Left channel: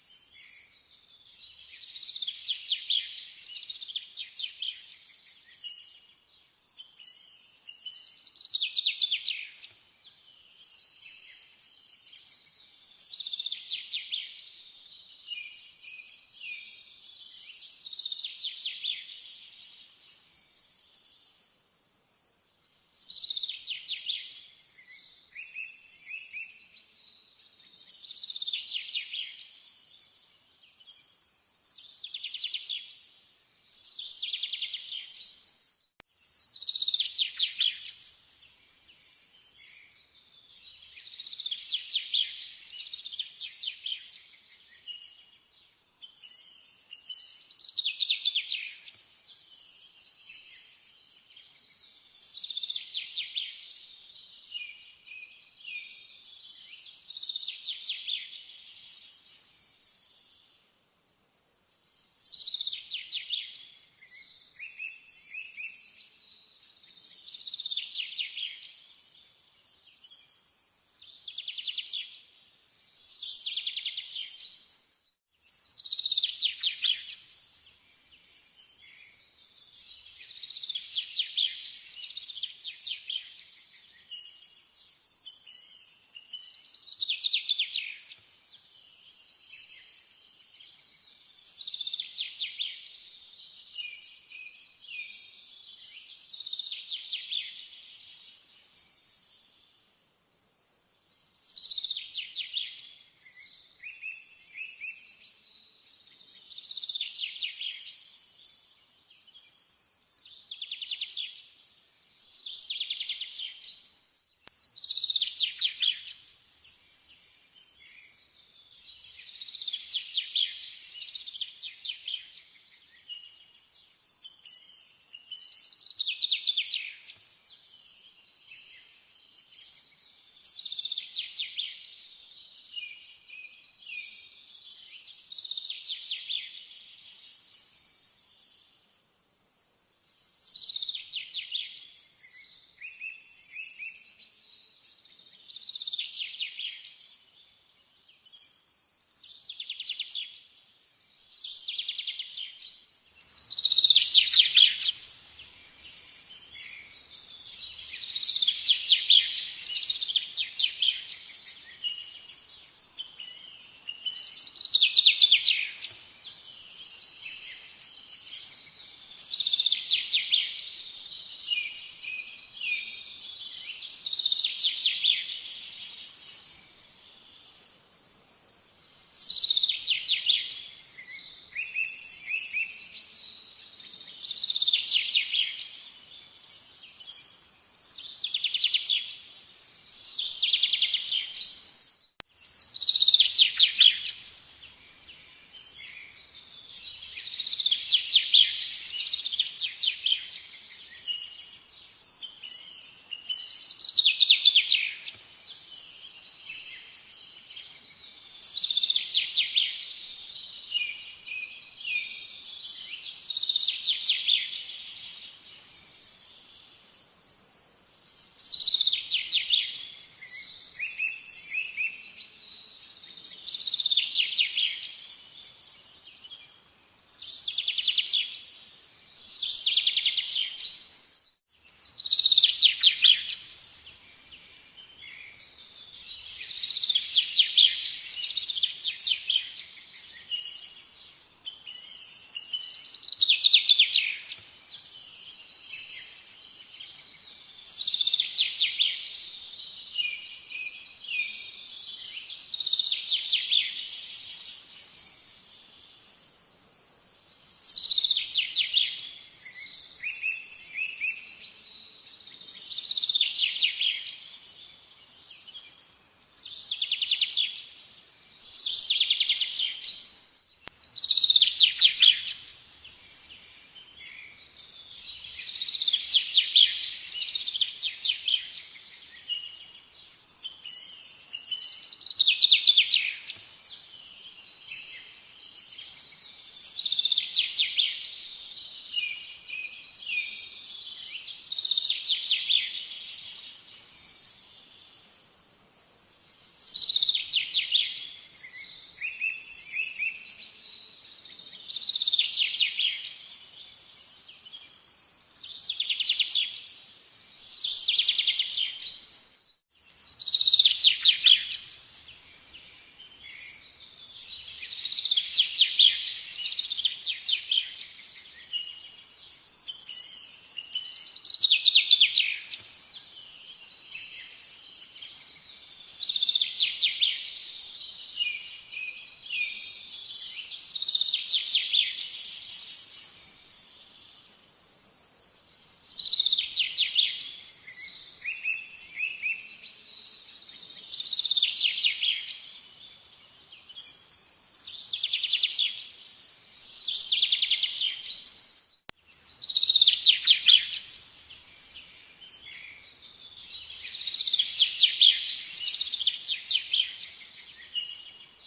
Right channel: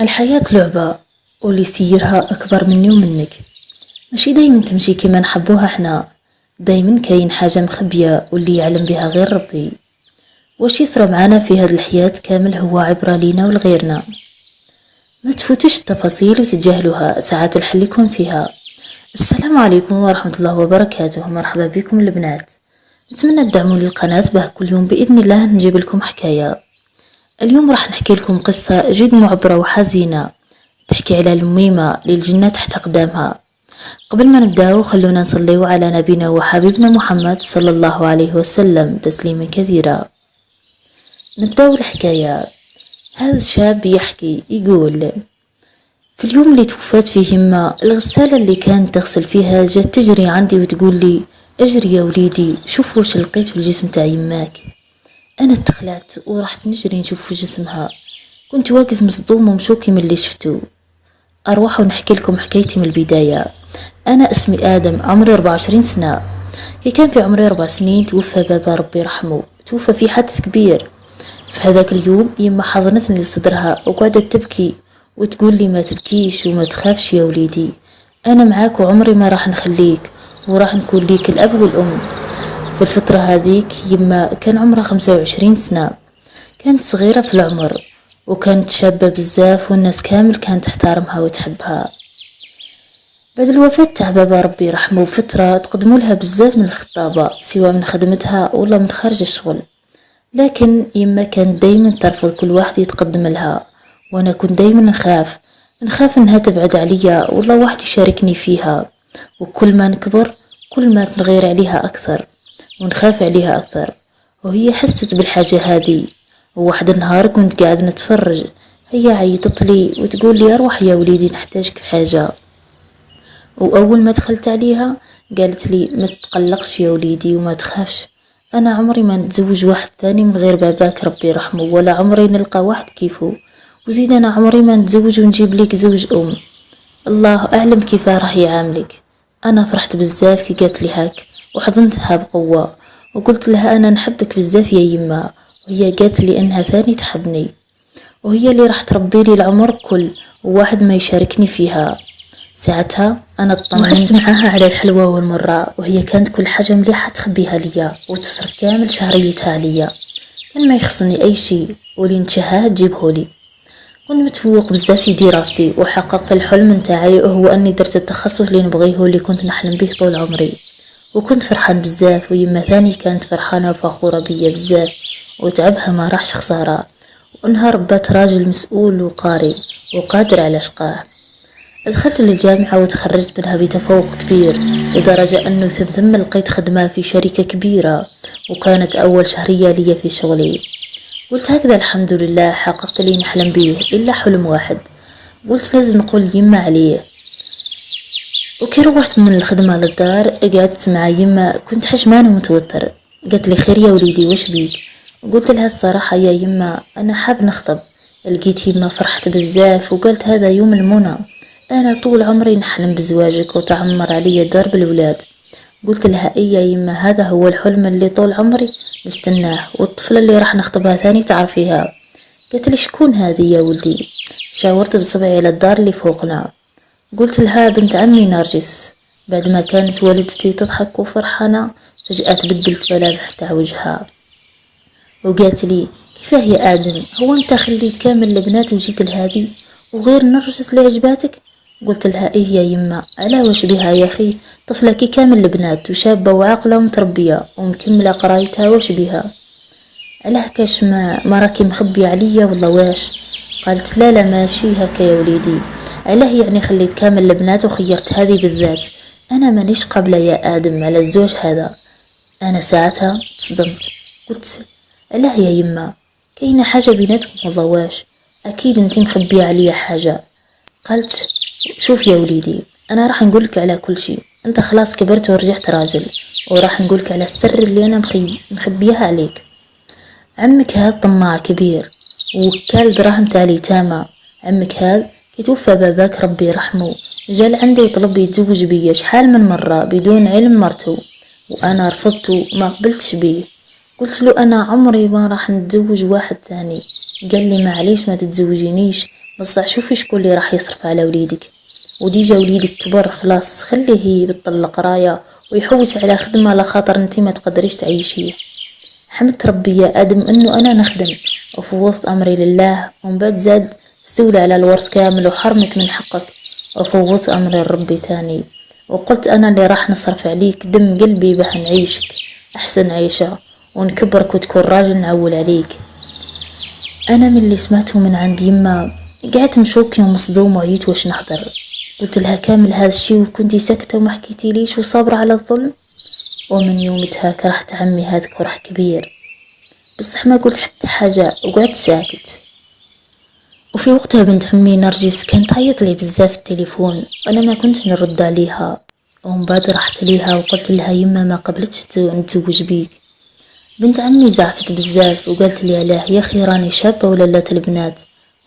الحياة لعبة، واللي يسيرها أكبر مني ومنك. ماشي دايما تمشي كيما نحبوها حنا، دايما كاين حاجة مخبية واللي يعلم بها غير ربي. واش يصرى معانا في هاد الحياة كامل هو عبرة لينا ولغيرنا. ما تفوتوش التفاصيل وتتجاهلوها، ساعات الحل يكون فيها. السلام عليكم ورحمة الله وبركاته، مرحبا بكم البنات. نتمنى تدعموا القناة باه كل يوم بإذن الله نجيب لكم حكاية. اليوم راح نحكي لكم قصة جد معبرة وحزينة، تحكي على الميمة للجنة تحت أقدامها. قبل ما نبداو خلونا نصليو على نبينا وحبيبنا محمد صلى الله عليه وسلم تسليما كثيرا. نبداو الحكاية. هذا الشاب يحكي يقول: في اليوم اللي توفات فيه يما، الغسالة اللي كانت تغسل فيها جات تجري عندي وتقول لي: اجري يا وليدي شوف واش لقيت في الجسم تاع يماك. انا تخلعت ورحت نجري نشوف في جسمها، كنت واقف مصدوم ومشوكي من اللي شفتو. أروح ونحكي لكم حكايتي من البداية. أنا اسمي آدم، عمري 24 سنة. كي كان في عمري 4 سنين توفى بابا ربي يرحمه، توفى في حادث كبير. في هذاك اليوم يما حضنتني لصدرها وقعدت تبكي وتقول لي: ما تبكيش وما تخافش يا وليدي، أنا معاك وعمري ما راح نخليك، وراح نكون ليك الأب والأم. في الفترة هذيك يما كان عمرها 25 سنة، كانت صغيرة في العمر وكانت شابة بزاف، والناس كامل كانت تحترمها وتحبها. بعد الوفاة تاع بابا ربي يرحمه فترة تقدموا لها بزاف من الخطابة، سواء من خدمتها ولا من خارج الشغل، لكن يما كانت دايما ترفض كل واحد يتقدم لها. وانا كنت دايما نخاف انها تبعد عليا ولا واحد يشاركني فيها. وكل ما نكبر كل ما تنغير عليها اكثر ونخاف عليها اكثر، وهي حست بالحاجة هذه. وواحد النهار كنت قاعد نتفرج، هي عيطت لي وتقول لي: اروح يا وليدي نحتاجك في حاجة. واول ما دخلت عليها قالت لي: ما تقلقش يا وليدي وما تخافش، انا عمري ما نتزوج واحد ثاني من غير باباك ربي يرحمه، ولا عمري نلقى واحد كيفه، وزيد انا عمري ما نتزوج ونجيب لك زوج الله اعلم كيف راح يعاملك. انا فرحت بزاف كي قالت لي هاك، وحضنتها بقوة وقلت لها: انا نحبك بزاف يا يما. وهي قالت لي انها ثاني تحبني، وهي اللي راح تربي لي العمر كل، وواحد ما يشاركني فيها. ساعتها انا اطمنت معاها على الحلوة والمرة، وهي كانت كل حاجة مليحة تخبيها ليا وتصرف كامل شهريتها عليا، كان ما يخصني اي شيء واللي نتشهاه تجيبهولي. كنت متفوق بزاف في دراستي وحققت الحلم نتاعي، وهو اني درت التخصص اللي نبغيه واللي كنت نحلم به طول عمري. وكنت فرحان بزاف، ويما ثاني كانت فرحانة وفخورة بيا بزاف، وتعبها ما راحش خسارة، وانها ربات راجل مسؤول وقاري وقادر على شقاه. دخلت للجامعة وتخرجت منها بتفوق كبير، لدرجة أنه ثم لقيت خدمة في شركة كبيرة، وكانت أول شهرية لي في شغلي. قلت هكذا الحمد لله حققت لي نحلم به، إلا حلم واحد قلت لازم نقول يما عليه. وكي روحت من الخدمة للدار قعدت مع يما، كنت حجمان ومتوتر. قالت لي: خير يا وليدي وش بيك؟ قلت لها: الصراحة يا يما أنا حاب نخطب. لقيت يما فرحت بزاف وقلت: هذا يوم المنى، أنا طول عمري نحلم بزواجك وتعمر علي دار بالولاد. قلت لها: إيه يا يما، هذا هو الحلم اللي طول عمري نستناه، والطفلة اللي راح نخطبها ثاني تعرفيها. قالت لي: شكون هذه يا ولدي؟ شاورت بصبعي على الدار اللي فوقنا، قلت لها: بنت عمي نرجس. بعد ما كانت والدتي تضحك وفرحانة، فجأة تبدلت ملامح تاع وجهها وقالت لي: كيفاه يا آدم، هو انت خليت كامل البنات وجيت لهذه وغير نرجس اللي عجباتك؟ قلت لها: ايه يا يما، على واش بها يا اخي، طفلة كي كامل البنات وشابة وعاقلة ومتربية ومكملة قرايتها، واش بها؟ علاه كاش ما راكي مخبية عليا ولا واش؟ قالت: لا لا ماشي هكا يا وليدي، علاه يعني خليت كامل البنات وخيرت هذه بالذات؟ انا مانيش قابلة يا آدم على الزوج هذا. انا ساعتها صدمت، قلت: علاه يا يما، كاينه حاجه بيناتكم ولا واش؟ اكيد انتي مخبيه عليا حاجه. قالت: شوف يا وليدي، انا راح نقولك على كل شيء، انت خلاص كبرت ورجعت راجل، وراح نقولك على السر اللي انا مخبيها عليك. عمك هذا طماع كبير وكال دراهم تالي تامة. عمك هذا يتوفى باباك ربي يرحمه، جال عندي يطلب يتزوج بيا شحال من مرة بدون علم مرته، وانا رفضت وما قبلتش بيه. قلت له: انا عمري ما راح نتزوج واحد ثاني. قال لي: معليش ما تتزوجينيش، بصح شوفي شكون اللي راح يصرف على وليدك، وديجا وليدك كبر خلاص، خليه يبطل القرايه ويحوس على خدمه على خاطر انتي ما تقدريش تعيشيه. حمدت ربي يا ادم انه انا نخدم وفوضت امري لله، ومن بعد زاد استولى على الورث كامل وحرمك من حقك، وفوضت امري لربي تاني، وقلت انا اللي راح نصرف عليك دم قلبي باه نعيشك احسن عيشه ونكبرك وتكون راجل نعول عليك. انا من اللي سمعته من عند يما قعدت مشوكي ومصدوم وعيت واش نحضر. قلت لها كامل هذا الشي وكنتي ساكته وما حكيتي ليش وصابره على الظلم. ومن يومتها كرهت عمي هذا كره كبير، بصح ما قلت حتى حاجه وقعدت ساكت. وفي وقتها بنت عمي نرجس كانت تعيط لي بزاف في التليفون وانا ما كنت نرد عليها، ومن بعد رحت ليها وقلت لها يما ما قبلتش نتزوج بيك. بنت عمي زعفت بزاف وقالت لي علاه يا اخي راني شابه ولات البنات،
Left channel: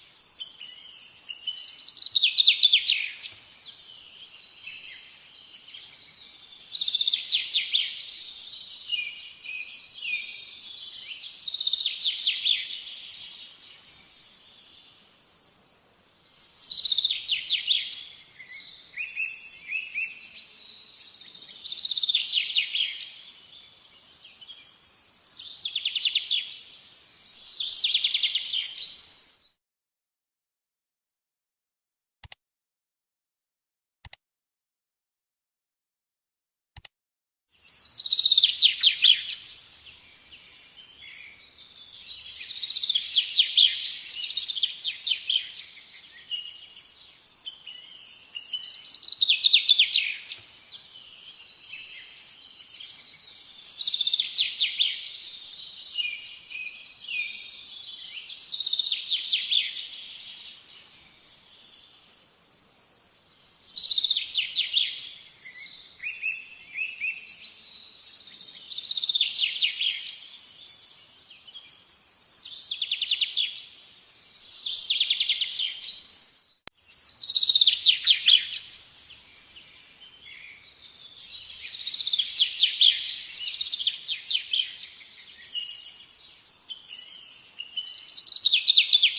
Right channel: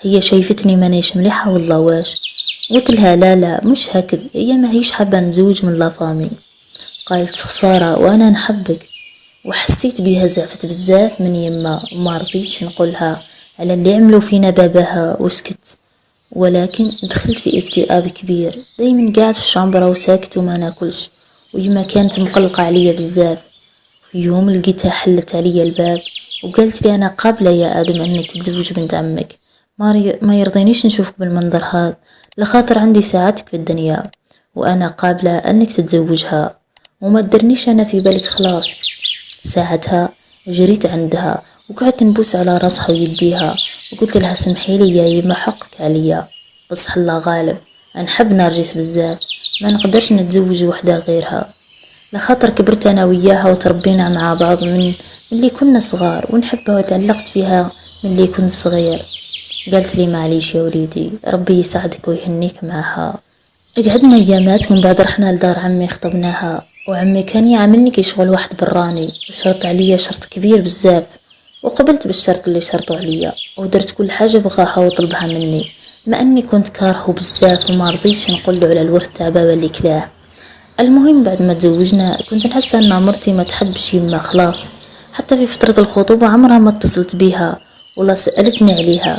هي شايفتني مانيش مليحه والله واش. قلت لها لا لا مش هكذا، هي ما هيش حابه نتزوج من لافامي. قالت خساره وانا نحبك، وحسيت بيها زعفت بزاف من يما وما رضيتش نقولها على اللي عملوا فينا باباها وسكت. ولكن دخلت في اكتئاب كبير، دايما قاعد في الشامبرة وساكت وما ناكلش، ويما كانت مقلقة عليا بزاف. في يوم لقيتها حلت عليا الباب وقالت لي انا قابلة يا ادم انك تتزوج بنت عمك، ما يرضينيش نشوفك بالمنظر هذا، لخاطر عندي ساعاتك في الدنيا وانا قابلة انك تتزوجها وما تدرنيش انا في بالك خلاص. ساعتها جريت عندها وقعدت نبوس على راسها ويديها وقلت لها سمحي لي يا يما حقك عليا، بصح الله غالب نحب نرجس بزاف، ما نقدرش نتزوج وحده غيرها، لخاطر كبرت انا وياها وتربينا مع بعض من اللي كنا صغار ونحبها وتعلقت فيها من اللي كنت صغير. قالت لي معليش يا وليدي ربي يساعدك ويهنيك معها. قعدنا ايامات ومن بعد رحنا لدار عمي خطبناها، وعمي كان يعاملني كشغل واحد براني وشرط عليا شرط كبير بزاف، وقبلت بالشرط اللي شرطوا عليا ودرت كل حاجة بغاها وطلبها مني، مع اني كنت كارهه بزاف وما رضيتش نقول له على الورث تاع بابا اللي كلاه. المهم بعد ما تزوجنا كنت نحس ان مرتي ما تحبش يما خلاص، حتى في فترة الخطوبة عمرها ما اتصلت بيها ولا سألتني عليها،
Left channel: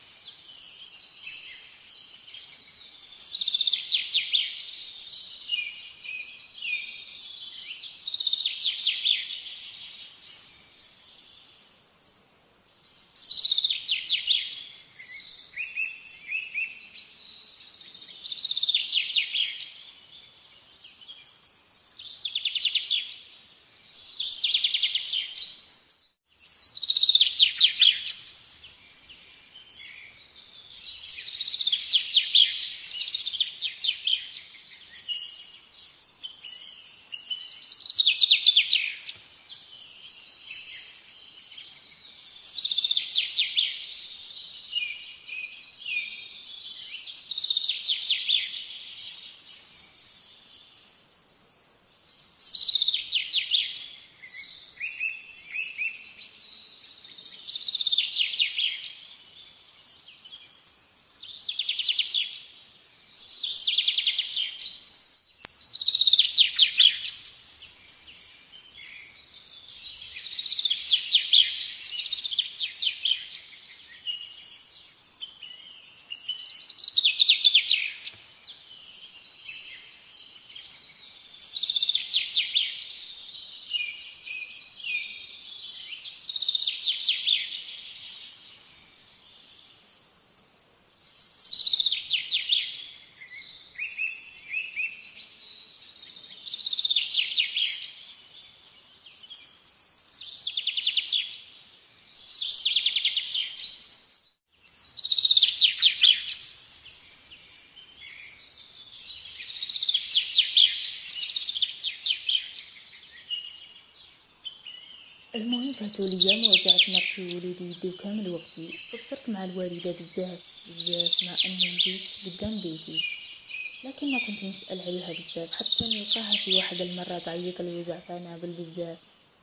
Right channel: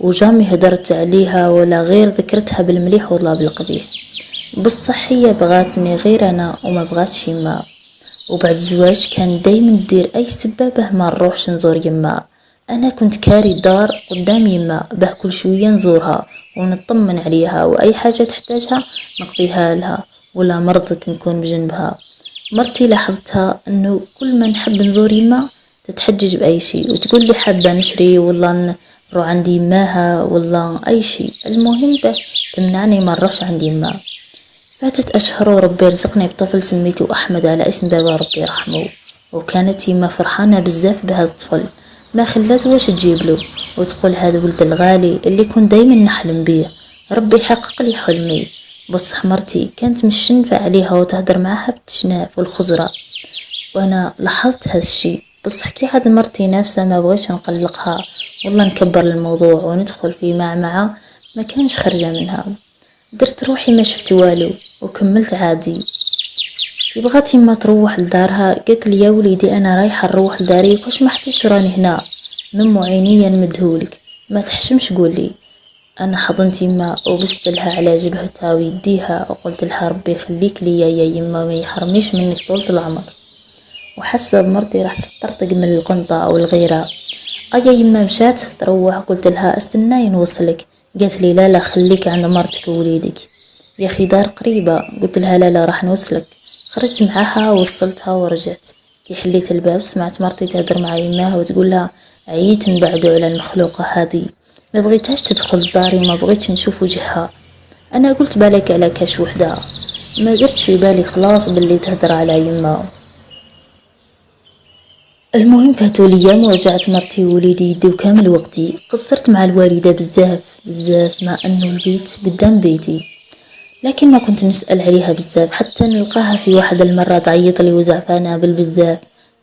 وجامي هدرت عليها ولا غير ذكرتها بالمليح ولا بالقبيح. بصح هي بغاتني غير انا وما بغاتش يما. وبعد الزواج كان دايما تدير اي سبابه ما نروحش نزور يما. انا كنت كاري الدار قدام يما باه كل شويه نزورها ونطمن عليها واي حاجه تحتاجها نقضيها لها، ولا مرضت نكون بجنبها. مرتي لاحظتها انه كل ما نحب نزور يما تتحجج باي شيء وتقول لي حابه نشري ولا نروح عند يماها ولا اي شيء، المهم تمنعني ما نروحش عند يما. فاتت أشهر وربي رزقني بطفل سميته أحمد على اسم بابا ربي يرحمه، وكانت يما فرحانة بزاف بهذا الطفل، ما خلات واش تجيبله وتقول هذا ولد الغالي اللي كنت دايما نحلم بيه، ربي يحقق لي حلمي. بصح مرتي كانت مش شنفة عليها وتهدر معها بالتشناف والخزرة، وانا لاحظت هذا الشي، بصح كي عاد مرتي نفسها ما بغيش نقلقها والله نكبر الموضوع وندخل في معمعة ما كانش خرجة منها. درت روحي ما شفت والو وكملت عادي. بغات يما تروح لدارها قالت لي يا وليدي انا رايحه نروح لداري واش ما حتيش راني هنا نمو عينيا نمدهولك ما تحشمش قولي. انا حضنت يما وبست لها على جبهتها ويديها وقلت لها ربي يخليك لي يا يما ما يحرمنيش منك طول العمر. وحاسه بمرتي راح تطرطق من القنطه او الغيره. ايا يما مشات تروح قلت لها استناي نوصلك، قالت لي لا لا خليك عند مرتك ووليدك يا اخي دار قريبه. قلت لها لا لا راح نوصلك. خرجت معاها ووصلتها ورجعت. كي حليت الباب سمعت مرتي تهدر مع يماها وتقول لها عييت نبعدو على المخلوقه هذه، ما بغيتهاش تدخل داري ما بغيتش نشوف وجهها. انا قلت بالك على كاش وحده، ما درتش في بالي خلاص باللي تهدر على يما. المهم فاتوا الايام ورجعت مرتي ووليدي يديو كامل وقتي. قصرت مع الوالده بزاف بزاف مع انه البيت قدام بيتي، لكن ما كنت نسال عليها بزاف حتى نلقاها في واحد المره تعيط لي وزعفانه بالبزاف.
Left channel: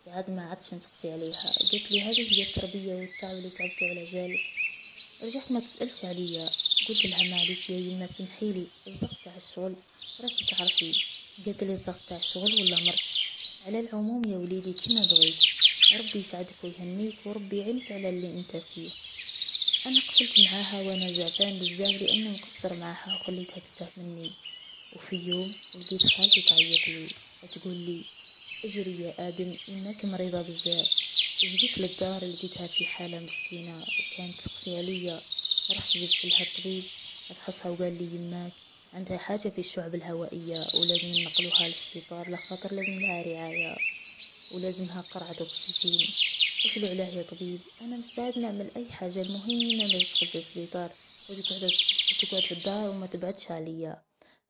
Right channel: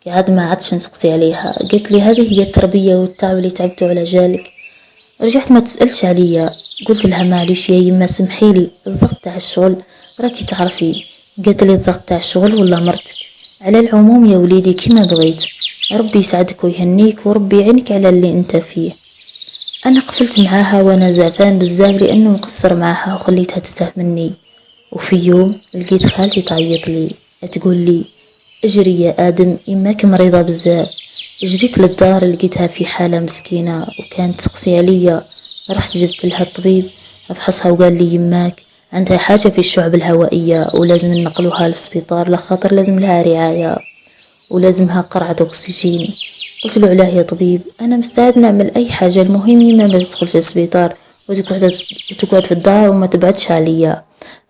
قعد ما عادش نسقسي عليها، قلت لي هذه هي التربيه والتعب اللي تعبتوا على جالك. رجعت ما تسالش عليا. قلت لها معليش يا يما سمحيلي الضغط تاع الشغل راكي تعرفي. قالت لي الضغط تاع الشغل ولا مرتك؟ على العموم يا وليدي كيما بغيت، ربي يسعدك ويهنيك وربي يعينك على اللي انت فيه. انا قفلت معاها وانا زعفان بزاف لانه مقصر معاها وخليتها تستهمني. وفي يوم لقيت خالتي تعيط لي تقول لي اجري يا ادم يماك مريضة بزاف. جريت للدار لقيتها في حالة مسكينة وكانت تقسي عليا. رحت جبت لها الطبيب افحصها وقال لي يماك عندها حاجة في الشعب الهوائية ولازم ننقلوها للسبيطار لخاطر لازم لها رعاية ولازمها قرعة أكسجين. قلت له علاه يا طبيب أنا مستعد نعمل أي حاجة المهم يما ما تدخلش السبيطار وتقعد في الدار وما تبعدش عليا.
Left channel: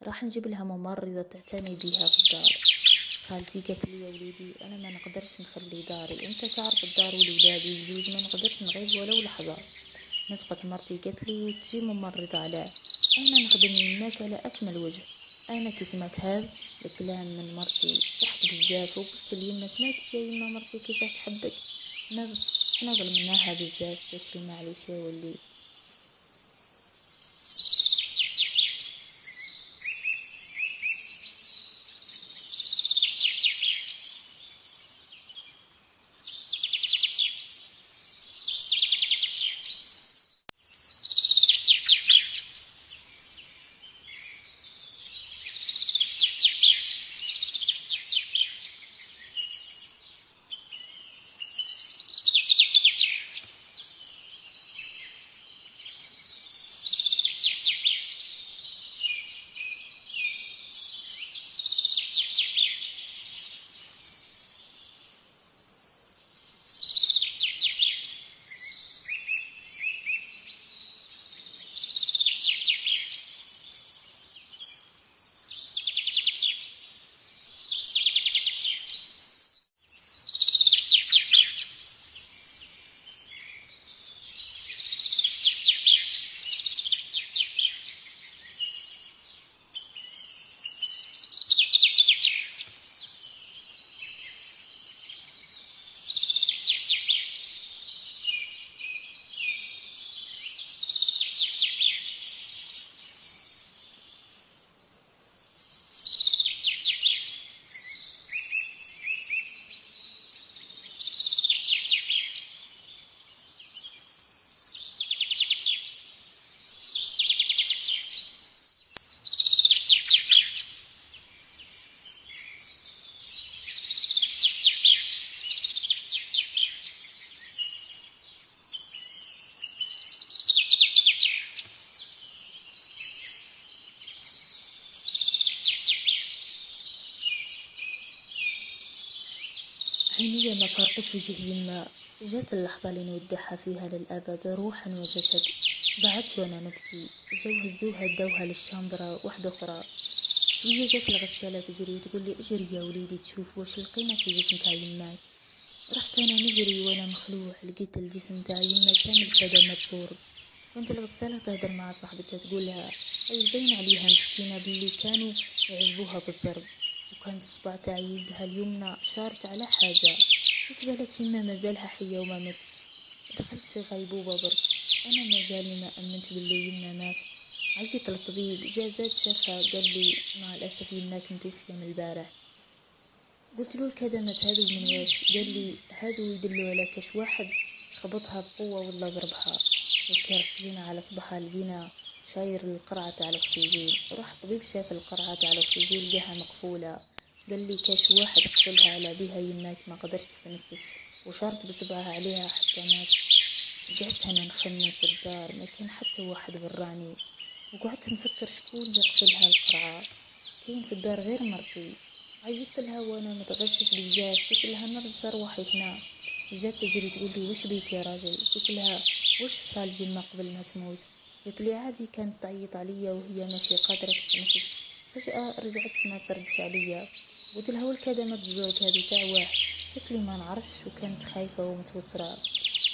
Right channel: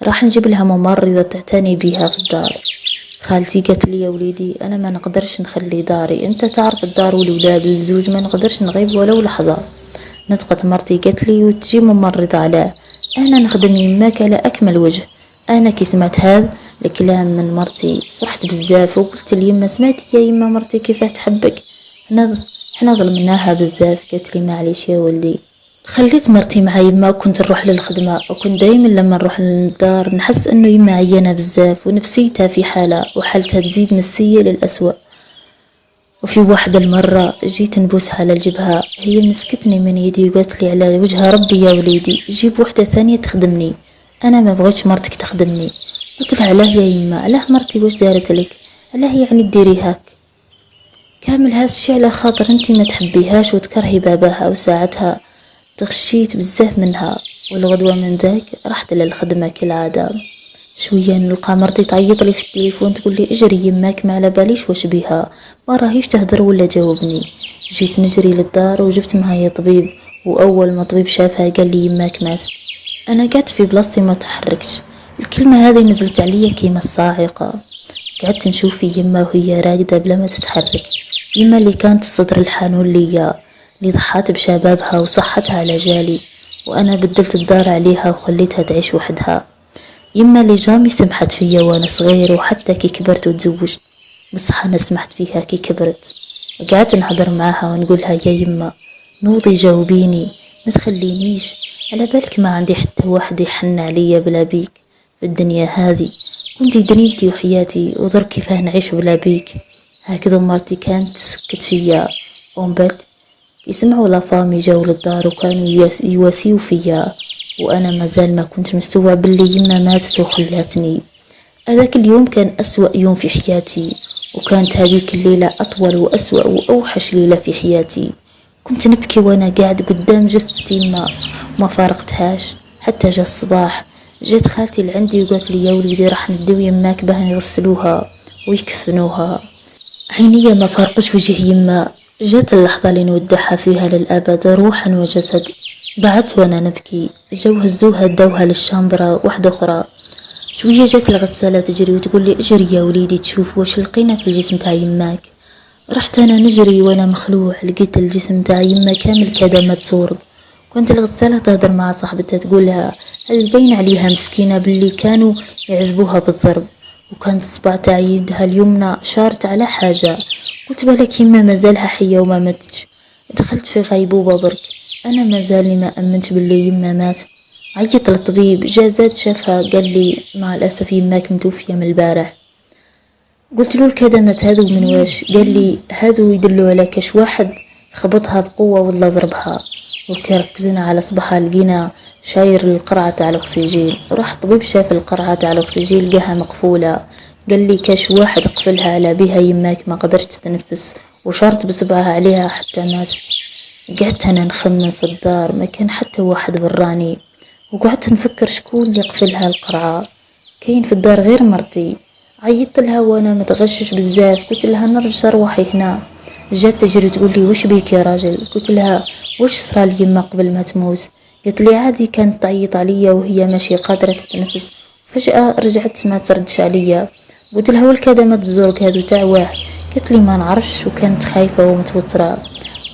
راح نجيب لها ممرضة تعتني بيها في الدار. خالتي قالت لي يا وليدي أنا ما نقدرش نخلي داري أنت تعرف الدار والولاد والزوج ما نقدرش نغيب ولو لحظة. نطقت مرتي قالت لي وتجي ممرضة علاه أنا نخدم يماك على أكمل وجه. أنا كي سمعت هذا الكلام من مرتي فرحت بزاف وقلت ليما سمعت يا يما مرتي كيفاه تحبك حنا ظلمناها بزاف. قالت لي معليش يا ولدي. خليت مرتي مع يما وكنت نروح للخدمة وكنت دايما لما نروح للدار نحس انه يما عيانة بزاف ونفسيتها في حالة وحالتها تزيد من السيء للأسوأ. وفي واحدة المرة جيت نبوسها على الجبهة هي مسكتني من يدي وقالت لي على وجه ربي يا وليدي جيب وحدة ثانية تخدمني انا ما بغيتش مرتك تخدمني. قلت لها علاه يا يما علاه مرتي واش دارت لك علاه يعني ديري هاك كامل هذا الشي على خاطر انتي ما تحبيهاش وتكرهي باباها وساعتها تغشيت بزاف منها. والغدوة من ذاك رحت للخدمة كالعادة. شوية نلقى مرتي تعيط لي في التليفون تقول لي اجري يماك ما على باليش واش بيها ما راهيش تهدر ولا جاوبني. جيت نجري للدار وجبت معايا طبيب واول ما طبيب شافها قال لي يماك ماتت. انا قعدت في بلاصتي ما تحركتش. الكلمة هذه نزلت عليا كيما الصاعقة. قعدت نشوف في يما وهي راقدة بلا ما تتحرك. يما اللي كانت الصدر الحنون ليا اللي ضحات بشبابها وصحتها على جالي وانا بدلت الدار عليها وخليتها تعيش وحدها. يما اللي جامي سمحت فيا وانا صغير وحتى كي كبرت وتزوجت بصح انا سمحت فيها كي كبرت. قعدت نهضر معاها ونقولها يا يما نوضي جاوبيني ما تخلينيش على بالك ما عندي حتى واحد يحن عليا بلا بيك في الدنيا هذه كنتي دنيتي وحياتي ودرك كيفاه نعيش بلا بيك. هكذا مرتي كانت تسكت فيا ومن بعد يسمعوا لافامي جاو للدار وكانوا يواسيو فيا وانا مازال ما كنت مستوعب باللي يما ماتت وخلاتني. هذاك اليوم كان أسوأ يوم في حياتي وكانت هذيك الليلة أطول وأسوأ وأوحش ليلة في حياتي. كنت نبكي وانا قاعد قدام جثتي ما فارقتهاش حتى جاء الصباح. جات خالتي لعندي وقالت لي يا وليدي راح نديو يماك باه يغسلوها ويكفنوها. عينيا ما فارقش وجه يما. جات اللحظة اللي نودعها فيها للأبد روحا وجسد. بعدت وانا نبكي جو هزوها داوها للشامبرة واحدة أخرى. شوية جات الغسالة تجري وتقول لي اجري يا وليدي تشوف واش لقينا في الجسم تاع يماك. رحت انا نجري وانا مخلوع لقيت الجسم تاع يما كامل كدمات زورق. كنت الغسالة تهدر مع صاحبتها تقولها هذه باين عليها مسكينة باللي كانوا يعذبوها بالضرب وكانت الصبع تاع يدها اليمنى شارت على حاجة. قلت بالك يما مازالها حية وما ماتش. دخلت في غيبوبة برك انا مازالني ما امنت باللي يما ماتت. عيط للطبيب جازات شافها قال لي مع الاسف يماك متوفية من البارح. قلت له الكدمات هذو من واش قال لي هذو يدلوا على كاش واحد خبطها بقوة ولا ضربها. وكي ركزنا على صباحها لقينا شاير القرعة تاع الاكسجين. راح الطبيب شاف القرعة تاع الاكسجين لقاها مقفولة. قال لي كاش واحد قفلها على بها يماك ما قدرت تتنفس وشارت بصبعها عليها حتى ماتت. قعدت انا نخمم في الدار ما كان حتى واحد براني وقعدت نفكر شكون اللي قفلها القرعة. كاين في الدار غير مرتي. عيطت لها وانا متغشش بزاف قلت لها نرجع روحي هنا. جات تجري تقول لي واش بيك يا راجل. قلت لها واش صرا لي يما قبل ما تموت. قالت لي عادي كانت تعيط عليا وهي ماشي قادرة تتنفس فجأة رجعت ما تردش عليا. قلت لها والكدمات الزرق هادو تاع واه. قالت لي ما نعرفش وكانت خايفة ومتوترة.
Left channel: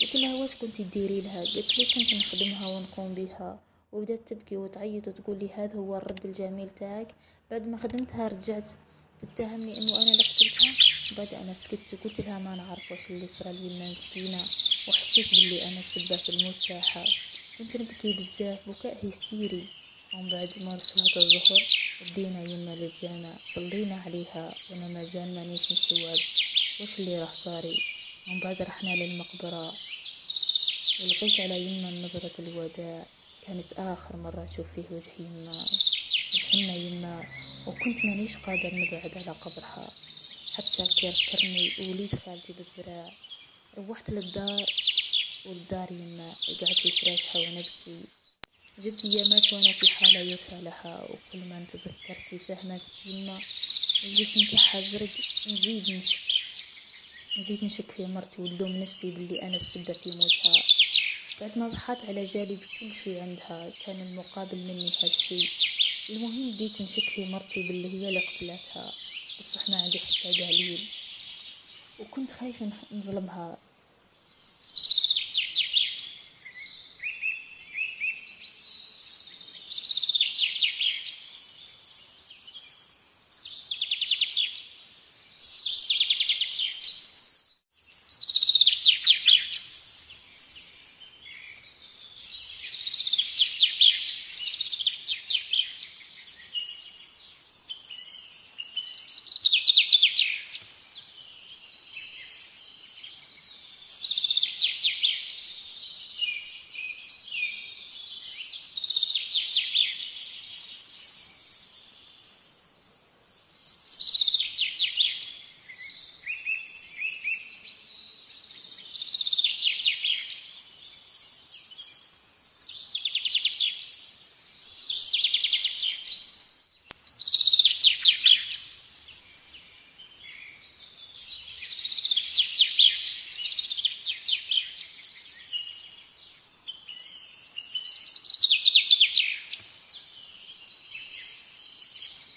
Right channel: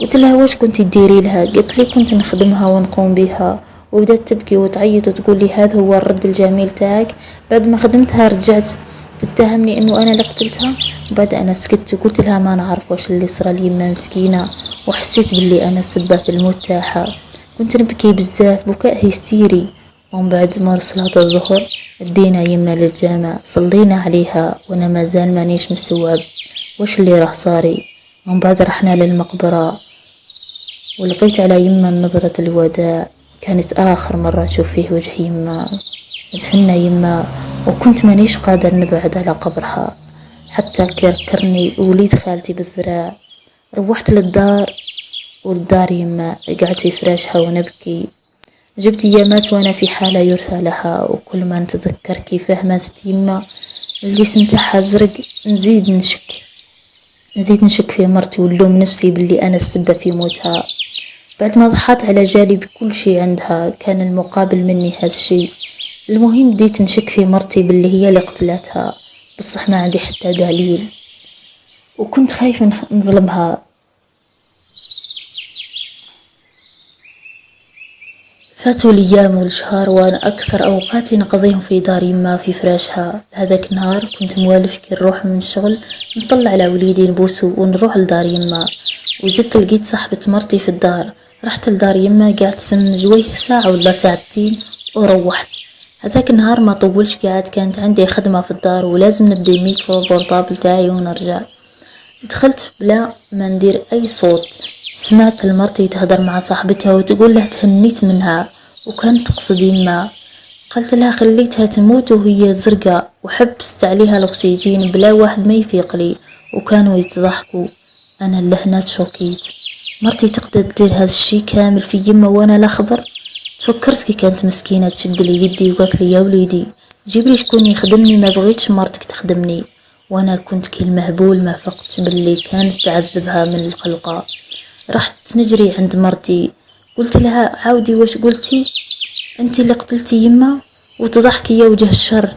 قلت لها واش كنتي ديري لها. قالت لي كنت نخدمها ونقوم بها وبدات تبكي وتعيط وتقول لي هذا هو الرد الجميل تاعك. بعد ما خدمتها رجعت تتهمني انه انا اللي قتلتها. وبعد انا سكت وقلت لها ما نعرف واش اللي صرا لي يما مسكينه وحسيت باللي انا السبه في الموت تاعها. كنت نبكي بزاف بكاء هستيري. ومن بعد ما صلاة الظهر دينا يما للجامع صلينا عليها وانا مازال مانيش مستوعب واش اللي راه صاري. ومن بعد رحنا للمقبره ولقيت على يما نظرة الوداع، كانت آخر مرة نشوف فيه وجه يما. دفنا يما وكنت مانيش قادر نبعد على قبرها، حتى كركرني وليد خالتي بالذراع. روحت للدار، والدار يما قعدت في فراشها ونبكي. جبت ايامات وانا في حالة يرثى لها، وكل ما نتذكر كيفاه ماتت يما الجسم تاعها زرق نزيد نشك في مرتي ونلوم نفسي باللي انا السبب في موتها. بعد ما ضحت على جالي بكل شي عندها، كان المقابل مني هذا الشي. المهم بديت نشك في مرتي باللي هي اللي قتلتها، بصح ما عندي حتى دليل، وكنت خايفة نظلمها. فاتوا الايام والشهر، وانا اكثر اوقاتي نقضيهم في دار يما في فراشها. هذاك النهار كنت موالف كي نروح من الشغل نطلع على وليدي نبوسو ونروح لدار يما، وزدت لقيت صاحبة مرتي في الدار. رحت لدار يما قعدت ثم جويه ساعة ولا ساعتين وروحت. هذاك النهار ما طولش قاعد، كانت عندي خدمة في الدار ولازم ندي ميكرو بورطابل تاعي ونرجع. دخلت بلا ما ندير اي صوت، سمعت المرتي تهدر مع صاحبتها وتقول له تهنيت منها وكانت تقصد يما. قلت لها خليتها تموت وهي زرقاء، وحبست عليها الاكسجين بلا واحد ما يفيق لي، وكانوا يتضحكوا. انا اللهنات شوكيت، مرتي تقدر تدير هذا الشي كامل في يما وانا لا خبر. فكرت كي كانت مسكينة تشد لي يدي وقالت لي يا وليدي جيب لي شكون يخدمني، ما بغيتش مرتك تخدمني. وانا كنت كي المهبول ما فقتش باللي كانت تعذبها من القلقة. رحت نجري عند مرتي، قلت لها عاودي واش قلتي، انت اللي قتلتي يما؟ وتضحكي يا وجه الشر.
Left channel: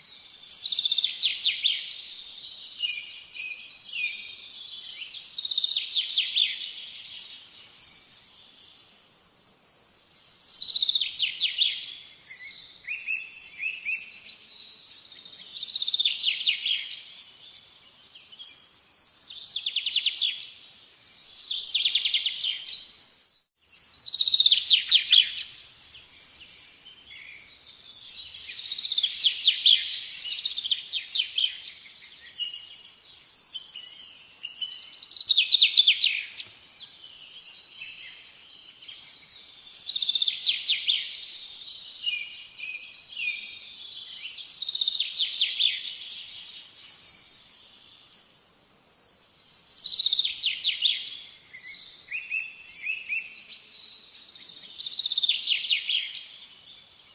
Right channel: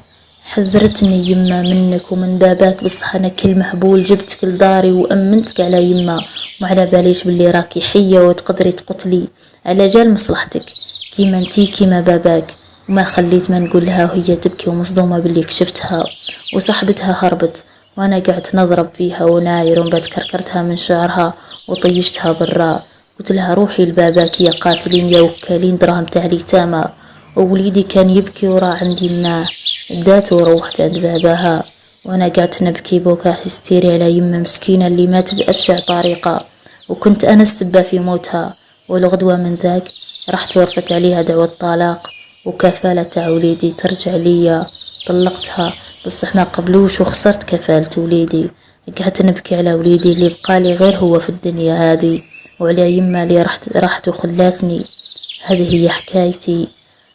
حذرتني يما منك ومن باباك، بصح انا كل مهبول جبتك لداري وامنتك على يما، وعلى باليش باللي راكي حية وتقدري تقتلي على جال مصلحتك كيما انتي كيما باباك. وما خليت ما نقول لها وهي تبكي ومصدومة باللي كشفتها. وصاحبتها هربت وانا قعدت نضرب فيها وناير، ومن بعد كركرتها من شعرها وطيشتها برا. قلت لها روحي لباباك يا قاتلين يا وكالين دراهم تاع اليتامى. ووليدي كان يبكي ورا عندي مناه، داته وروحت عند باباها. وانا قعدت نبكي بوكا هستيري على يمه مسكينة اللي مات بأبشع طريقة، وكنت انا السبة في موتها. والغدوة من ذاك رحت ورفت عليها دعوة طلاق وكفالة تاع وليدي ترجع ليا. طلقتها بصح ما قبلوش وخسرت كفالة وليدي. قعدت نبكي على وليدي اللي بقالي غير هو في الدنيا هذه، وعلى يما اللي راحت وخلاتني. هذه هي حكايتي.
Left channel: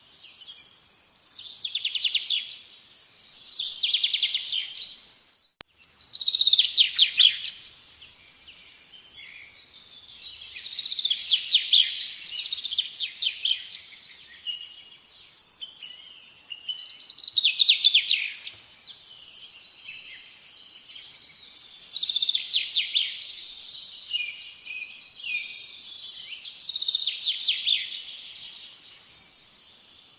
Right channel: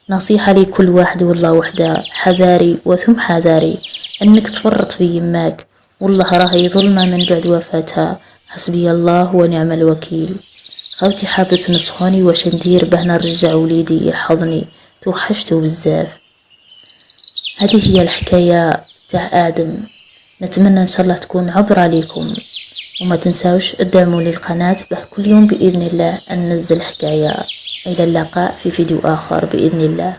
نصيحة لكل واحد والله وحده، حذاري وثم حذاري انك تفرط في يماك، والله راهي ظلمة من بعد وفاتها. حسبي الله ونعم الوكيل. خوتي حابة تنصحوني واش ندير باه نرجع وليدي يحضني، توحشته بزاف. هذه هي الحكاية تاع آدم، نتمنى ان شاء الله تكون عبرة لكم، وما تنساوش ادعموا لي القناة باه كل يوم بإذن الله أن ننزل حكاية. إلى اللقاء في فيديو آخر بإذن الله.